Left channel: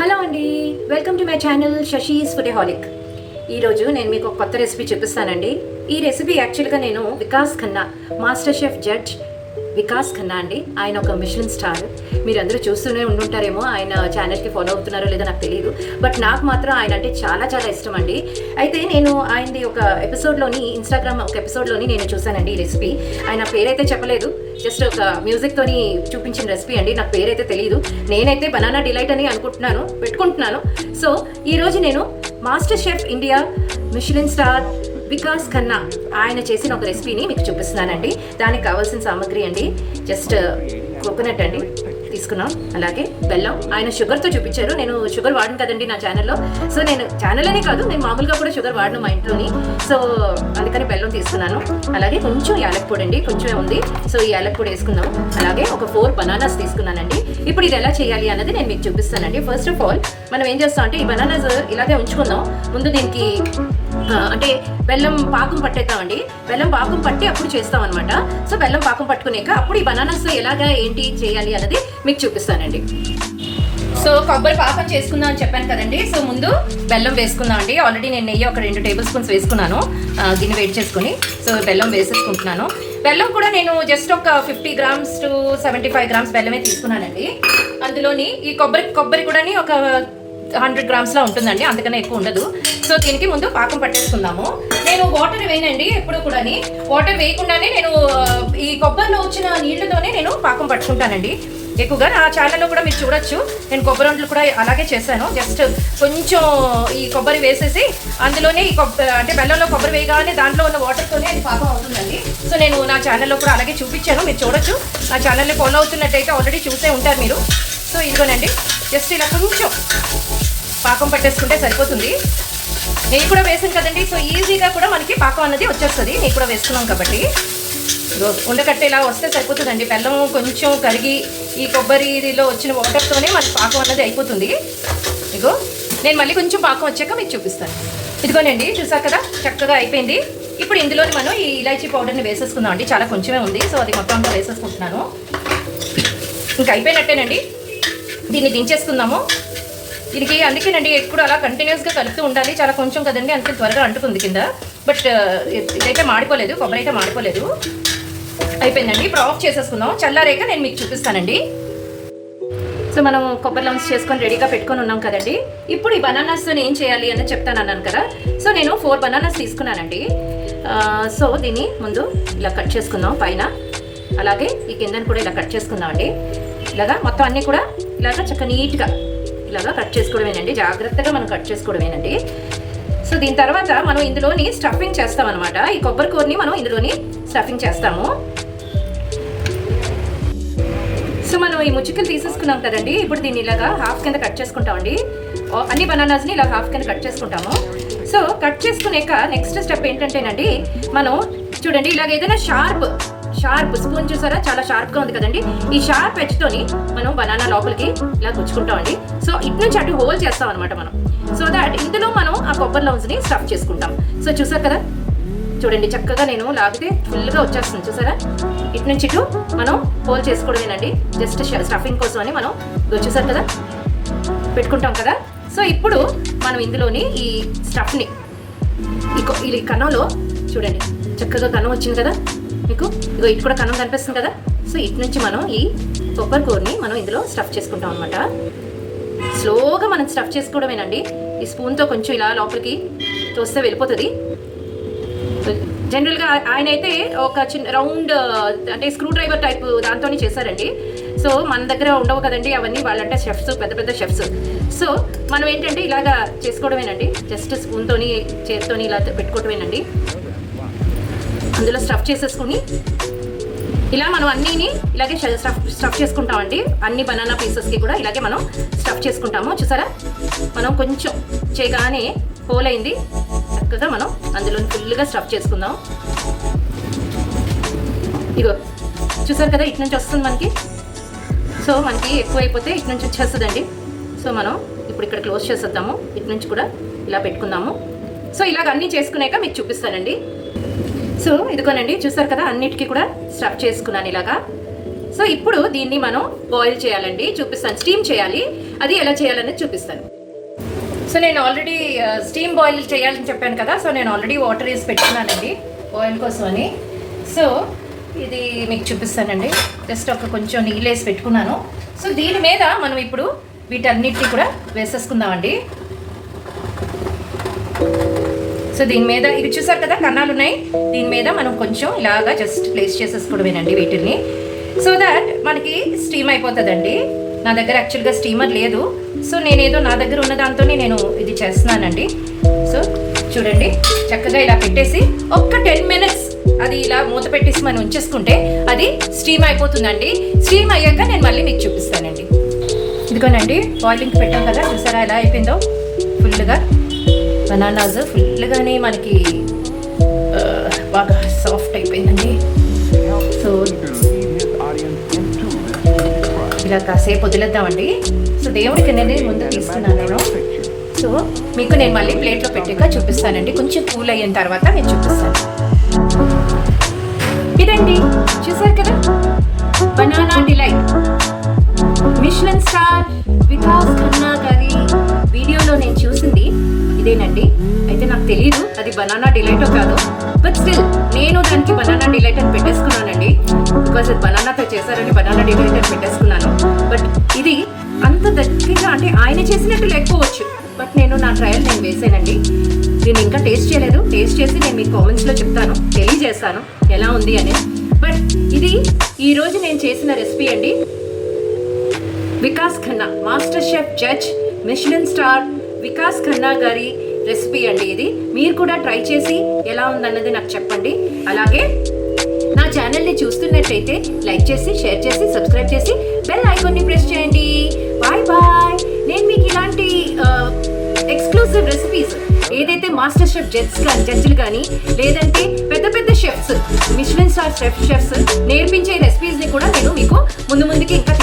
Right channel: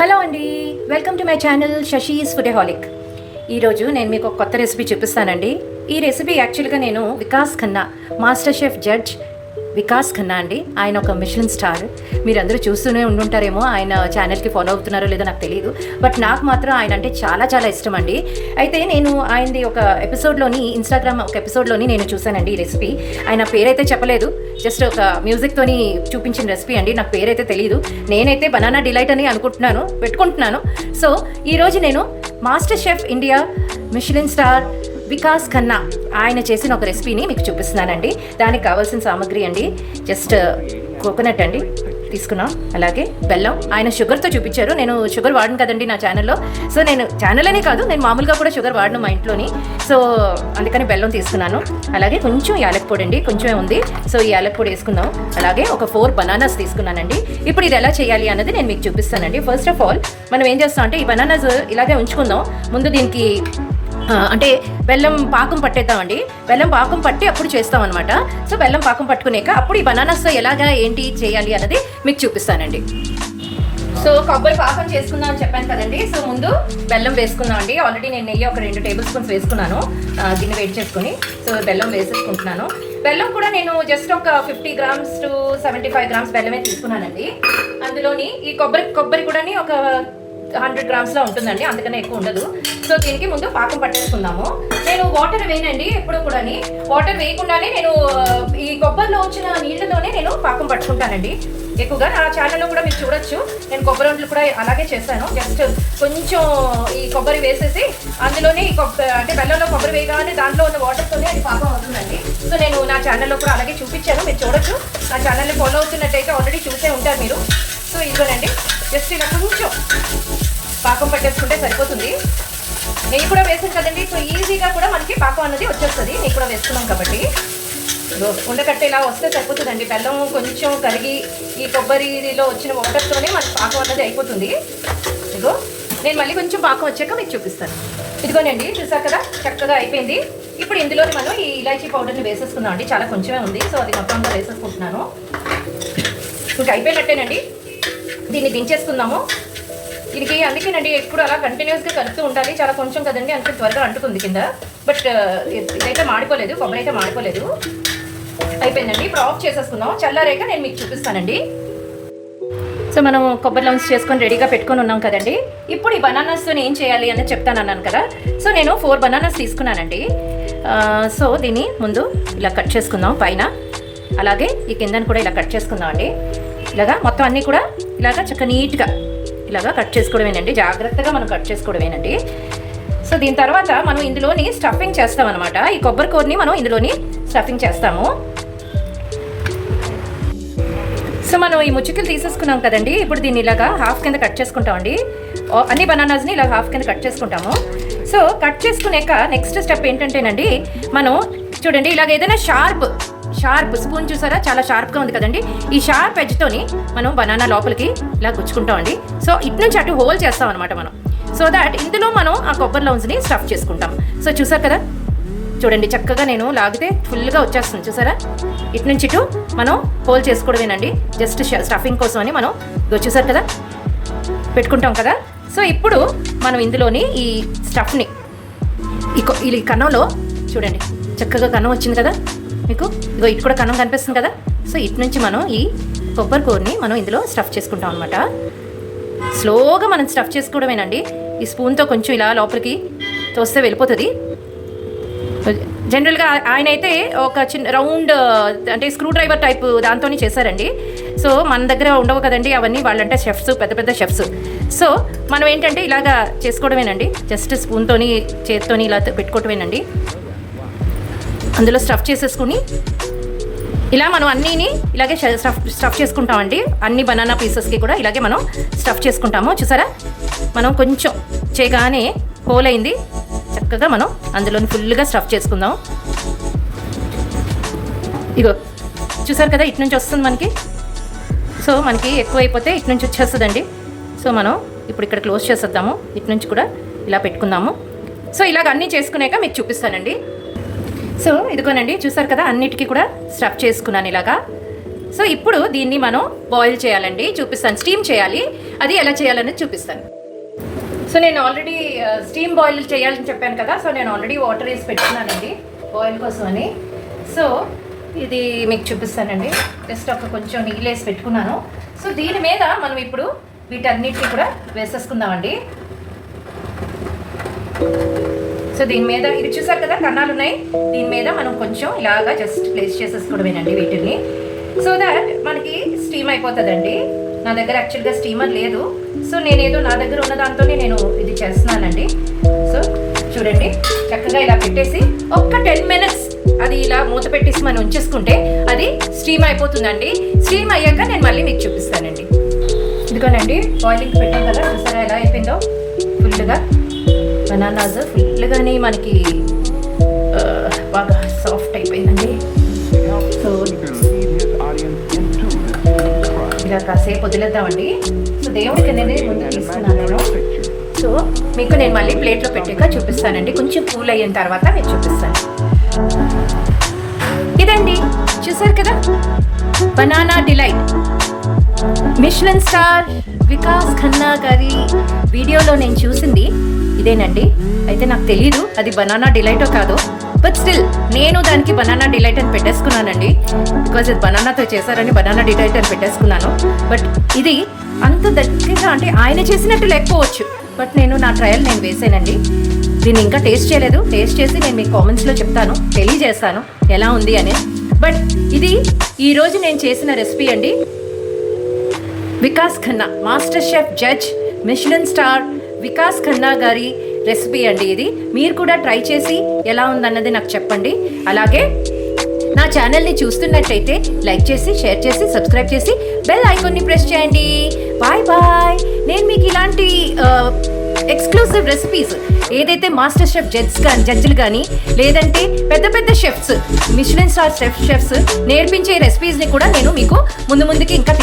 Hello అండి, welcome to my channel Shashi's ఫుడహాలిక్. ఈరోజు నేను మీకు ఒక కొత్త రెసిపీ చూపిస్తానండి. ఈ రెసిపీ యాక్చువల్గా నేను Vikas Khanna, master chef judge Vikas Khanna అండి. ఆయన ఒక మిషెలిన్ స్టార్. మీరందరూ చూస్తూనే ఉండుంటారేమో, ఆయన ఛానల్కి ఫాలో అవుతున్నారో లేదో నాకు తెలియదు. బట్ నాకు మాత్రం ఆయన అంటే చాలా చాలా ఇష్టం అండి. అయితే నేను ఆయనది ఒక ఎపిసోడ్లోని, ఇన్స్టాగ్రామ్ ఒక ఎపిసోడ్లోని నేను చూశానండి ఈ రెసిపీ. ఆయన పేరైతే చెప్పలేదు, జస్ట్ ఒక మ్యూజిక్తోని చూపించిన రెసిపీ అండి. నాకు పేరైతే తెలియదు. నేనైతే బనానా డిలైట్ అని పెట్టుకుంటున్నాను. సో ఈరోజు నేను master chef India Michelin star Vikas Khanna ఆయన చేసిన ఒక రెసిపీని మీకు చూపిస్తున్నానండి. దానికి కావాల్సిన సామాగ్రి అండి, జస్ట్ కోకోనట్ అండి తీసుకున్నాం, అలాగే బెల్లం. ఆయన షుగర్తో చూపించారు. నేను షుగర్ వాడను కదండి నా ఛానల్లో. సో నేను ఛానల్ అనే కాదు, నేను మామూలుగా కూడా షుగర్ వాడను మా ఇంట్లోని. సో అందుకని బెల్లం తీసుకున్నాను. అలాగే కొంచెం యాలక్ పొడి అండి, కొంచెం ఉంది. సో ఈ యాలక్ పొడి వేసుకుందాం. అలాగే ఒక 4 బనానాస్ తీసుకున్నానండి. ఇప్పుడు ఇది ఎలా చేయాలి అన్నది నేను మీకు చూపిస్తానండి. ఫస్ట్ ఆఫ్ ఆల్ మనం ఏం చేస్తాం అంటే, ఈ బనానాస్ ఇలాగే ఉంచుకుందాం. ముందు దీనికి అంటే బెల్లం పాకం పట్టేద్దామండి. బెల్లం పాకం పట్టి అప్పుడు చేస్తాం అనమాట. సో బెల్లం పాకం పట్టుకునేక అప్పుడు ఈ బనానాస్ ఎలాగా ఏంటి చేయాలి అన్నది మీకు చూపిస్తానండి. సో కొబ్బరి పాకం చేసుకుందాం అని చెప్పాను కదండి. సో ముందు బెల్లం వేసుకుందాం అండి. ఆల్రెడీ నేను నెయ్యి ఒక 2 టేబుల్ స్పూన్స్ వేసుకున్నాను. దీన్ని వేడి చేసుకుని సో బెల్లం వేసేసుకుంటున్నాను. బెల్లం కూడా నేను జస్ట్ ఒక 50 grams to 75 grams బెల్లమే తీసుకున్నానండి. అందులోని ఈ కొబ్బరి కూడా ఒక 100 grams లో ఉంటుందండి, అంతకన్నా ఎక్కువ ఉండదు. సో దీనికి ముందు పాకం పట్టేసుకుందాము. నేను వాటర్ వేయనండి ఎప్పుడు కూడా. వాటర్ వేయకుండానే నేను ఈ కొబ్బరిలో వచ్చిన నీళ్లతోనే నేను పాకం పట్టుకుంటానండి ఎక్కువగా. నా ఛానల్లో కూడా మీరు చూడొచ్చు, నేను కొబ్బరి వంటలు కూడా అలాగే చేశాను. జస్ట్ కొంచెం ఈ కొబ్బరి వేసేసి అందులోనే ఈ అంటే బెల్లంలో కొబ్బరి వేయగానే దాంట్లో ఉన్న వాటర్తోనే అది పాకం అవుతుందండి. సో నేను నా ఛానల్లో కూడా అలాగే చూపించాను, మీరు చూడొచ్చు. నా ఛానల్ని ఫాలో అవుతున్నట్టయితే ఆల్రెడీ చూసే ఉంటారు మీరు. సో ఇదిగోనండి, జస్ట్ ఇలా కొంచెం పాకం పట్టేసుకుంటే సరిపోతుంది. నెయ్యి కూడా వేసాను కదండి, సో ఈజీగా కూడా మనకి పాకం అన్నది వచ్చేస్తుంది. నెయ్యి కూడా వేసుకున్నాం కాబట్టి ఉండకట్టే ఇలా వస్తే సరిపోతుందండి. బెల్లం కొంచెం కరిగి ఈ కొబ్బరిలో వచ్చిన వాటర్తోనే మనకి పాకం అన్నది అయిపోతుంది. ఇదిగో నేను మళ్ళీ కొంచెం పాకం వచ్చాక మీకు చూపిస్తాను. ఇదిగోనండి, చూసారు కదా, చక్కగా అయిపోయింది. ఇప్పుడు ఇందులో మనం ఈ ఇలాచీ పౌడర్ని వేసేసుకుందాం అండి. చాలా కొంచెమే ఉంది, సో అది మొత్తంగా వేసేసుకుంటున్నాను. ఇంకా అయిపోయినట్టేనండి. దీన్ని దించేసుకుందాము. దీనికి అందుకేనండి ఎప్పుడు అలా కంటిన్యూస్గా కలుపుతూ ఉండాలి. చాలా కొంచెం కదండి, అందుకే త్వరగా అంటుకుంది కింద. బట్ ఇదైతే మాడిపోలేదు, కొబ్బరి అయితే మాడిపోలేదు. అయిపోయిందండి. ఇప్పుడు ఆఫ్ చేసేసుకుందాం. చల్లారేక నేను మీకు చూపిస్తానండి. సో మనం కొబ్బరి లమ్స్ చేసుకొని రెడీగా పెట్టుకొని ఉన్నాం కదండి. ఇప్పుడు ఈ బనానాస్తో ఏం చేయాలి అని చెప్తానన్నాను కదా. సో నేను 4 బనానాస్ తీసుకున్నానండి. సో దీన్ని ముందు ఇలా కట్ చేసుకుందాం పైన, అలాగే ఈ కిందని కూడా ఇలా కట్ చేసుకుందాం అండి. ఇలాగా మొత్తం అన్నీ కూడా ఇలాగా చక్కగా నీట్గా ఇలాగా కట్ చేసుకోవడమేనండి. జాగ్రత్తగా మనం కట్ చేసుకోవడమేనండి. సో దీని తర్వాత మనం ఇందులోని స్టఫింగ్ చేస్తాం అనమాట. ఈ కొబ్బరి కూరని మనం ఇందులోని స్టఫింగ్ చేస్తాము. సో మనం ఈ ముచ్చికలు తీసేసుకున్నాం కదండి. ఇప్పుడు దీన్ని ఇలాగా హాఫ్ కింద కట్ చేసుకుంటామండి. అన్ని బనానాస్ని ఇలా హాఫ్ కింద కట్ చేసుకుంటాము. సో కట్ చేసుకునేక నెక్స్ట్ స్టెప్ ఏంటంటేనండి, మనం చూడండి ఇలాగ ఏదైనా షార్ప్ స్పూన్ చూసారా, చాలా షార్ప్గా ఉంది కదండి. ఈ షార్ప్ ఎడ్జ్తోని మనం బనానా లోపలికి ఇలా గుచ్చుకుంటామండి. సో ఇటు నుంచి అటు హోల్ చేస్తాం అనమాట మనం. సో దాట్ ఇందులో మనం ఆ కొబ్బరి లౌన్స్ని స్టఫ్ చేసుకుంటాం. సో చూసారు కదా, చూడండి చక్కగా నేను లాగితే ఫుల్గా వచ్చేస్తుంది. చూసారా, ఇటు నుంచి ఇటు మనం హోల్ చేసుకోవడమేనండి. జస్ట్ స్టఫింగ్ కోసం అని మనం చూసారు కదా పెట్టుకుంటాం కదా. సో ఇప్పుడు మనం ఇందులోని ఈ స్టఫ్ని ఈ కన్నంలో చూడండి, చక్కగా కన్నం వచ్చింది కదా మీకు. ఇగో ఇటు కూడా కన్నం కనిపిస్తుంది కదా. సో ఇటు నుంచి మనం ఈ కొబ్బరి కూరని మనం ఇందులో స్టఫ్ చేసుకుంటాం అనమాట. స్లోగా మనం స్టఫ్ చేసుకోవడమేనండి. ఈ స్పూన్తో కొంచెం ఇలా లోపలికి తోస్తే వెళ్ళిపోతుంది. జనరల్గా ఆయన అయితే ఒక చిన్న రౌండ్ అంటే స్క్రూ డ్రైవర్ టైప్ దాంతో చేశారండి. సో మన దగ్గర ఉండవు కదండి అవన్నీ, వాళ్ళంటే షెఫ్స్, పెద్ద పెద్ద షెఫ్స్. సో మనం ఏంటంటే ఇలాగా చేసుకోవడమేనండి. జస్ట్ స్పూన్తోని చేతితోని ఇలా పెట్టుకోవటమేనండి. అందులో స్టఫ్ చేసేసుకుని ఇలా మనం అన్నీని ఇలాగే స్టఫ్ చేసుకుంటామండి. అన్ని బనానా పీసెస్కి కూడా ఇలాగే మనం స్టఫ్ చేసుకుంటాము. చూసారా, మనం కొంచెం చేయగానే హోల్ అయింది. చక్కగా మనం అందులో ఫుల్గా స్టఫ్ చేసుకుందాం. ఇగో చూసారు కదా, ఇటు నుంచి వస్తుంది మనకి. సో మనకి ఎక్కువ అయిపోతే ఇటు నుంచి వచ్చేస్తుందండి. సో మనం ఇప్పుడు ఇక్కడ క్లోజ్ చేసేద్దాము. ఇటు నుంచి కూడా ఇలా పెట్టుకుందాము. సో ఇలాగ అన్నీ చేసుకున్నాక మీకు చూపిస్తానండి. సో ఇదిగోనండి, చూసారు కదా, అన్నిటికీ కూడా స్టఫ్ చేసుకున్నాను ఇలాగా. సో ఇప్పుడు దీన్ని మనం బాయిల్ చేయాలండి, చూపిస్తాను. స్టీమ్ చేయాలి. అది ఎలా చేయాలనేది చూపిస్తాను. సో నేను ఆల్రెడీ స్టీమ్ బాయిల్ చేయాలని చెప్పాను కదా, సో నేను ఆల్రెడీ వాటర్ వేసి పెట్టుకున్నానండి బాయిల్ కోసం అని. సో ఇది మీకు చూపిస్తానండి. జస్ట్ కొంచెం నీళ్ళు వేసి పెట్టుకున్నాను. సో దీని మీద మనం ఇప్పుడు వీటన్నిటిని కూడా వేసేసుకుందామండి. సో దీని మీద ఇవి చూసారు కదా కన్నాలు ఉన్నాయి, దీని మీద మనం కొంచెం ఇలాగా జస్ట్ ప్లేస్ చేసేసుకోవడమేనండి వీటిని. సో దట్ మనకి స్టీమ్ అయిపోతుందండి. నా దగ్గర యాక్చువల్గా స్టీమర్ లేదు, సో నేనేదో నా దగ్గర ఉన్న దాంతోనే నేను ఇది చేస్తున్నానండి. సో చూడండి, చక్కగా ఇలా పెట్టేసి ఒక్క 10 minutes అది ఇలా మూత పెట్టేసి మనం ఉంచేసుకుంటే అది స్టీమ్ అయిపోతుందండి. స్టీమ్ అయ్యాక నేను మళ్ళీ మీకు చూపిస్తానండి. ఇదిగోనండి బాయిలింగ్ పెట్టాం కదా, చూసారా ఎలా అయిపోయిందో. ఫుల్గా బనానాస్ ఫుల్గానే మనకి బాగా సాఫ్ట్ అయిపోయిందండి. సో ఇలా కాసేపు వదిలేద్దామండి. సో దేవుడికి అనేది ముందు తీసుకున్నాను. సో మీకు నేను మళ్ళీ ప్లేట్లో పెట్టాక చూపిస్తానండి. కొంచెం కూల్ అయిన తర్వాత నేను చూపిస్తాను. ఇదండి చూసారు కదా, banana delight Michelin star Vikas Khanna గారి వీడియోలో నేను చూసింది ఇదేనండి. అయితే నాకు తెలియదు అది బనానా డిలైటో కాదు, బట్ స్టిల్ నేను దానికి బనానా డిలైట్ అని పెట్టేసుకున్నానండి. బికాజ్ ఇది బనానాతో చేశారని బనానా డిలైట్ అని పెట్టేసుకున్నాను. బట్ ఇది అంత దగ్గరగా అంటే ఆయన చేసినట్టు లేకపోవచ్చు, బట్ నేను నా ట్రయల్ నేను వేసానండి. దీన్ని ఇంకా టేస్ట్ చేయలేదు. టేస్ట్ చేసి నేను మీ కామెంట్స్లో చెప్తాను, తెలియజేస్తాను ఎలా ఉంది అని. బట్ ఇది ఈరోజు నేను చేసిన రెసిపీ అండి. Vikas Khanna master chef judge Michelin star Vikas Khanna గారి రెసిపీ అండి ఇది. మీరు కూడా ట్రై చేసి ఎలా ఉందన్నది నాకు చెప్పండి. అలాగే నా ఛానల్ని చూస్తున్నట్టయితే లైక్ చేసి, షేర్ చేసి, సబ్స్క్రైబ్ చేసి బెల్ ఐకాన్ని ప్రెస్ చేయండి. Bye bye. నేను మీకు ఇలాంటి ఎక్స్క్లూసివ్ రెసిపీస్ ఏదైతే మాస్టర్ షెఫ్ జడ్జ్లు కానీ లేదంటే పెద్ద పెద్ద షెఫ్స్ మిషెలిన్ స్టార్ షెఫ్స్ నేర్పించే రెసిపీస్ని కూడా నేను మీకు ముందు ముందుకి ఇంకా